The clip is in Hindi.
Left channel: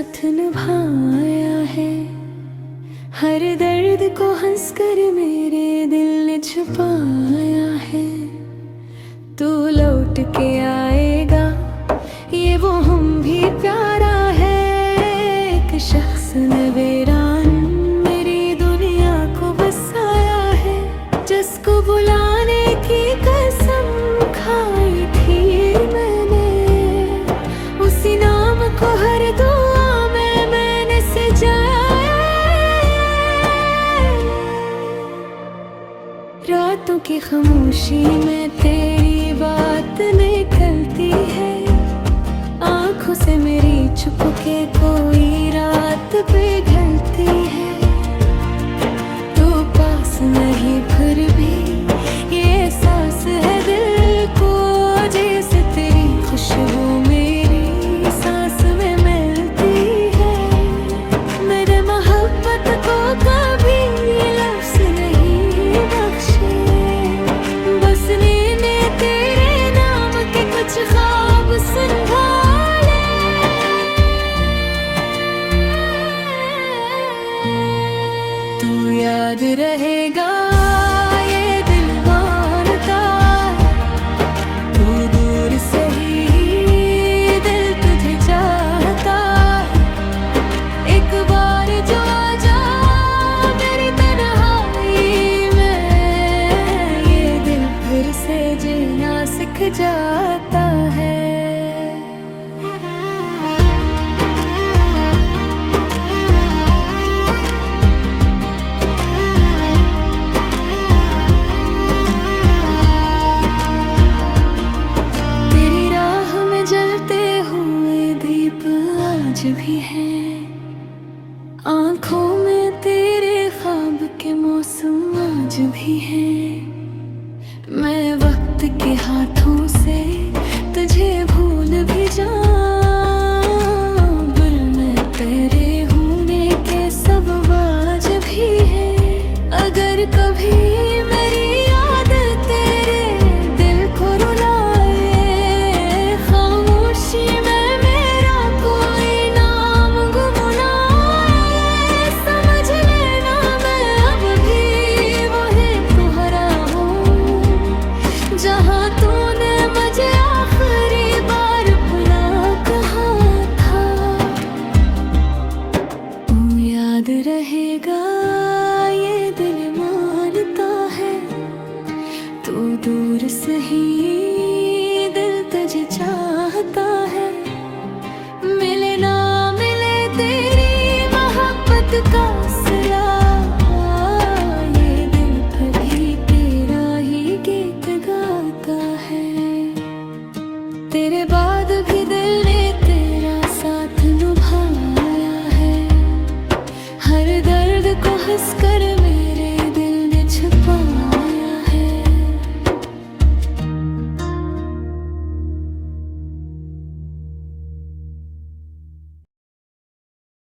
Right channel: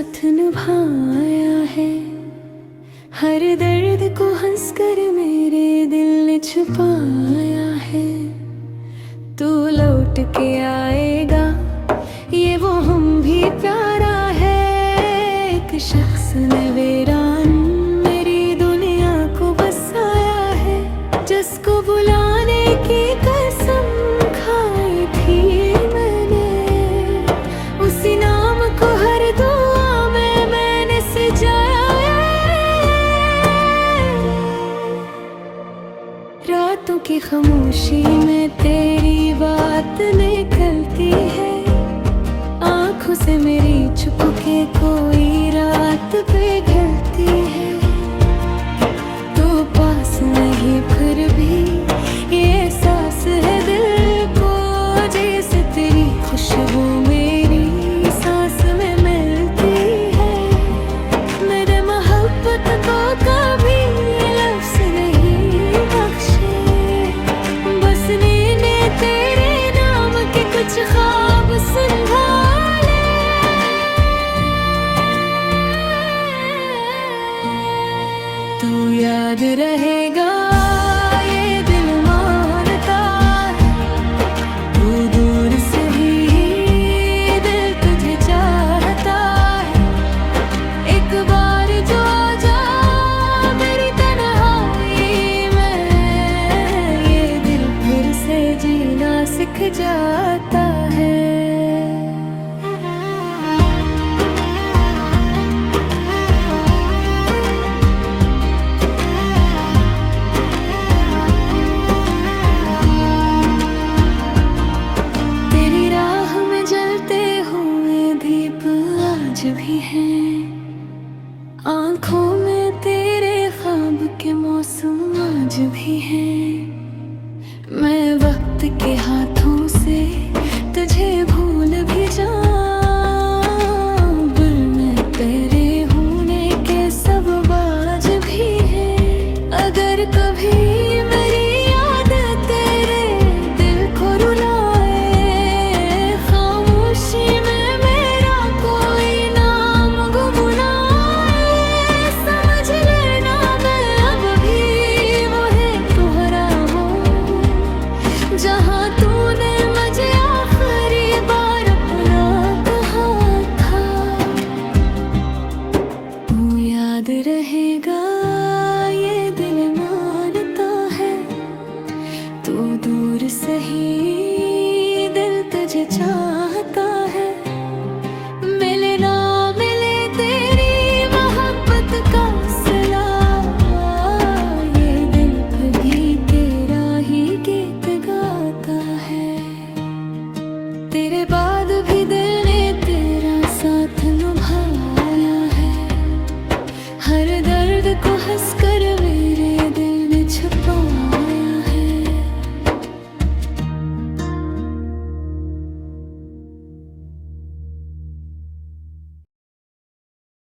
साथ निभाया है। हर दर्द को हंसकर मेरे दिल ने छुपाया है। तू लौट के आएगा ये वो हम भी प्यारा है। एक शख्स ने वीरान मेरी दुनिया को बसाया है। जिसको बुलाने की कसम खाई थी मैंने, उसी नाम को हर दुआ में मैंने सजाया। रातों की खामोशी में तेरी बात निकलती है। आँखों से मेरी चुपके कोई रात पिघलती है। तू पास नहीं फिर भी ये एहसास है दिल को, जैसे तेरी खुशबू मेरी सांस में मिलती है। मेरे मोहब्बत को कभी लफ्ज़ नहीं बख्शे, बस ने तेरे नाम के कुछ ख्वाब संभाले। तू याद रहेगा ये दिल मानता है। तू दूर से ही दिल तुझे चाहता है। एक बार जो आ जा मेरी तन्हाई में, ये दिल फिर से जीना सीख जाता है। तेरी राह में जलते हुए दीप आज भी हैं। आँखों में तेरे ख्वाब के मौसम आज भी हैं। मैं वक्त के हाथों से तुझे भूल भी जाऊं, दिल में तेरे होने के सब बाज भी है। अगर कभी मेरी याद तेरे दिल को रुलाए, खामोशी में मेरा कोई नाम गुनगुनाए, समझ लेना मैं अब भी वही तुम्हारा हूँ जहाँ तूने मुझे आखिरी बार अपना कहा था। तू याद रहेगा ये दिल मानता है। तू दूर से ही दिल तुझे चाहता है। मिले ना मिले तेरी मोहब्बत का सिला, ये दिल फिर भी तेरा ही गीत गाता है। तेरे बाद भी दिल ने तेरा साथ निभाया है। हर दर्द को हंसकर मेरे दिल ने छुपाया।